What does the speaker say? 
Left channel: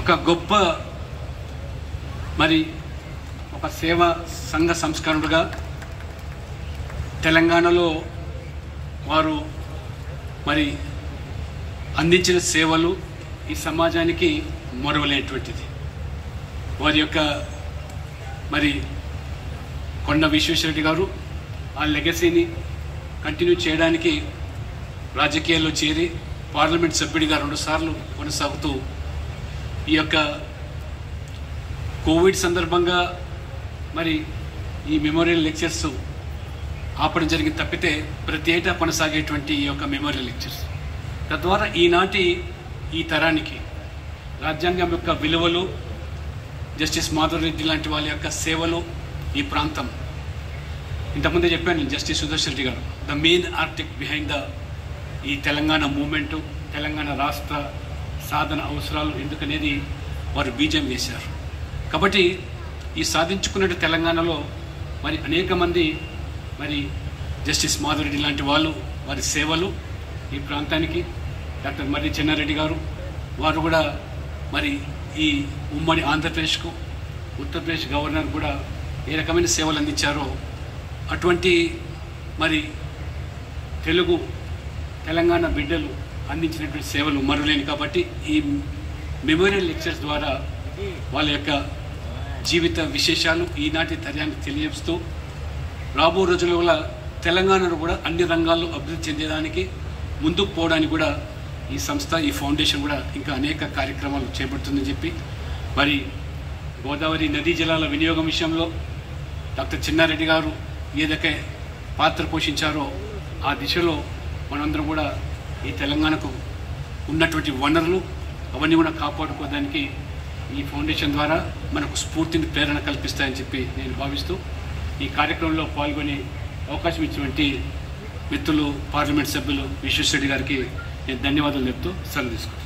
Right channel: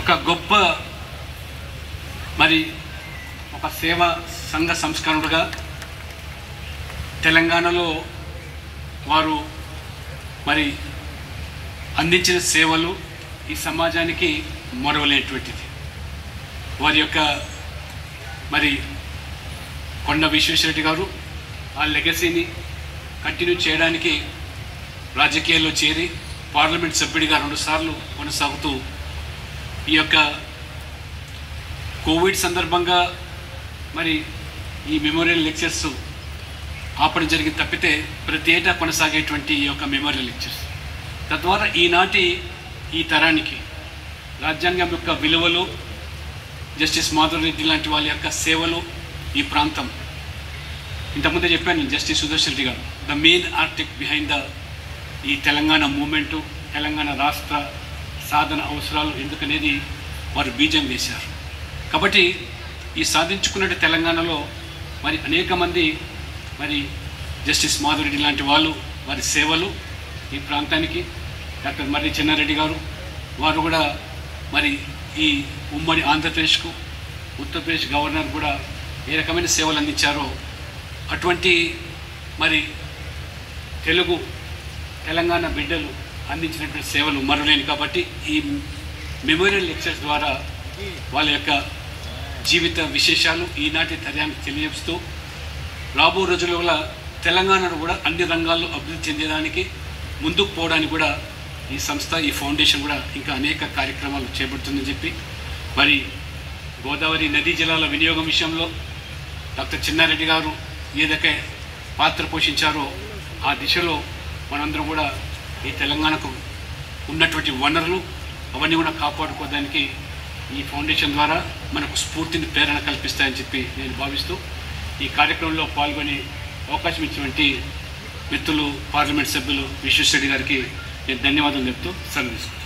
ఒక గొప్ప మరి ఒక సేవా సంఘ సంస్కరణుడుగా తెలంగాణలో వారు మరి అందించిన సేవలు ఈ సమాజానికి మరువలేనటువంటిది. వారి యొక్క మరి కొండ విశ్వేశ్వరరెడ్డి గారు ఆ లెగసీని కంటిన్యూ చేయడానికి రాజకీయాల్లో చేరి పార్లమెంట్ సభ్యుడిగా 2 సార్లు కొనసాగుతూ ఈ యొక్క కోవిడ్ సందర్భంగా మరి ఈ మెమోరియల్ లెక్చర్స్ ఆపడం జరిగింది తప్పితే ప్రతి ఏటా కొనసాగేటువంటి ఈ యొక్క మెమోరియల్ లెక్చర్స్ తద్వారా ఈనాటి ఈ తరానికి రాజ్యాంగం యొక్క విలువలు, జస్టిస్ మాధవ్ రెడ్డి లాంటి వాళ్ళ యొక్క సేవలు, ఈ ప్రాంతం ఇంతకుముందే చెప్పాను జస్టిస్ సుదర్శన్ రెడ్డి గారు ద మెయిన్ ఆర్టిక్ బిహైండ్ ఈ తెలంగాణ మూమెంటు, తెలంగాణ రాష్ట్ర సాధన అవసరాలు ఎందుకనేది వారు బీజం వేశారు. కాబట్టి ఈ సాధించుకున్న తెలంగాణలో మరి అనేక మంది మరి జస్టిస్ మాధవ్ రెడ్డి లాంటి వాళ్ళు వారి సేవలు ఈ ప్రాంతానికి, డాక్టర్ మర్రి చెన్నారెడ్డి గారు వారు కూడా మరి ఈ ఉమ్మడి ఆంధ్రప్రదేశ్కు ఉత్తరప్రదేశ్ గవర్నర్ కూడా ఏ రకమైన సేవలు అందించారో అటువంటి మరి తెలంగాణ బిడ్డలు అందించినటువంటి సేవలు మరులేని. కాబట్టి ఈ మెమోరియల్ లెక్చర్స్ ద్వారా వాళ్ళ యొక్క జీవిత విశేషాలు ఈనాటి తరానికి తెలియజేస్తూ రాబో రోజుల్లో తెలంగాణను కూడా అన్ని రంగాల్లో అభివృద్ధి చెందడానికి ముందుకు పోవడానికి కూడా ఈ సంస్థ, ఈ ఫౌండేషన్ కూడా ఇంకా అనేక కార్యక్రమాలు చేపడుతుందని చెప్పి మరి గోదావరి నదీ జలాల వినియోగం విషయంలో డాక్టర్ చెన్నారెడ్డి గారు ఏదైతే పాత్ర పోషించారో ఆ దిశలో మనందరం కూడా ఈ తెలంగాణకు ఉన్నటువంటి వనరులు అవన్నీ కూడా కాపాడుకోవడానికి ఈ ఫౌండేషన్ ద్వారా మనకు స్ఫూర్తిని, ప్రేరణ కల్పిస్తాయని చెప్పి నేను భావిస్తూ ఈ కార్యక్రమంలో పాల్గొనే అవకాశం ఇచ్చినటువంటి మిత్రులు పార్లమెంట్ సభ్యులు విశ్వేశ్వరరెడ్డి గారికి నేను ధన్యవాదాలు చెప్తూ సెలవు తీసుకుంటాను.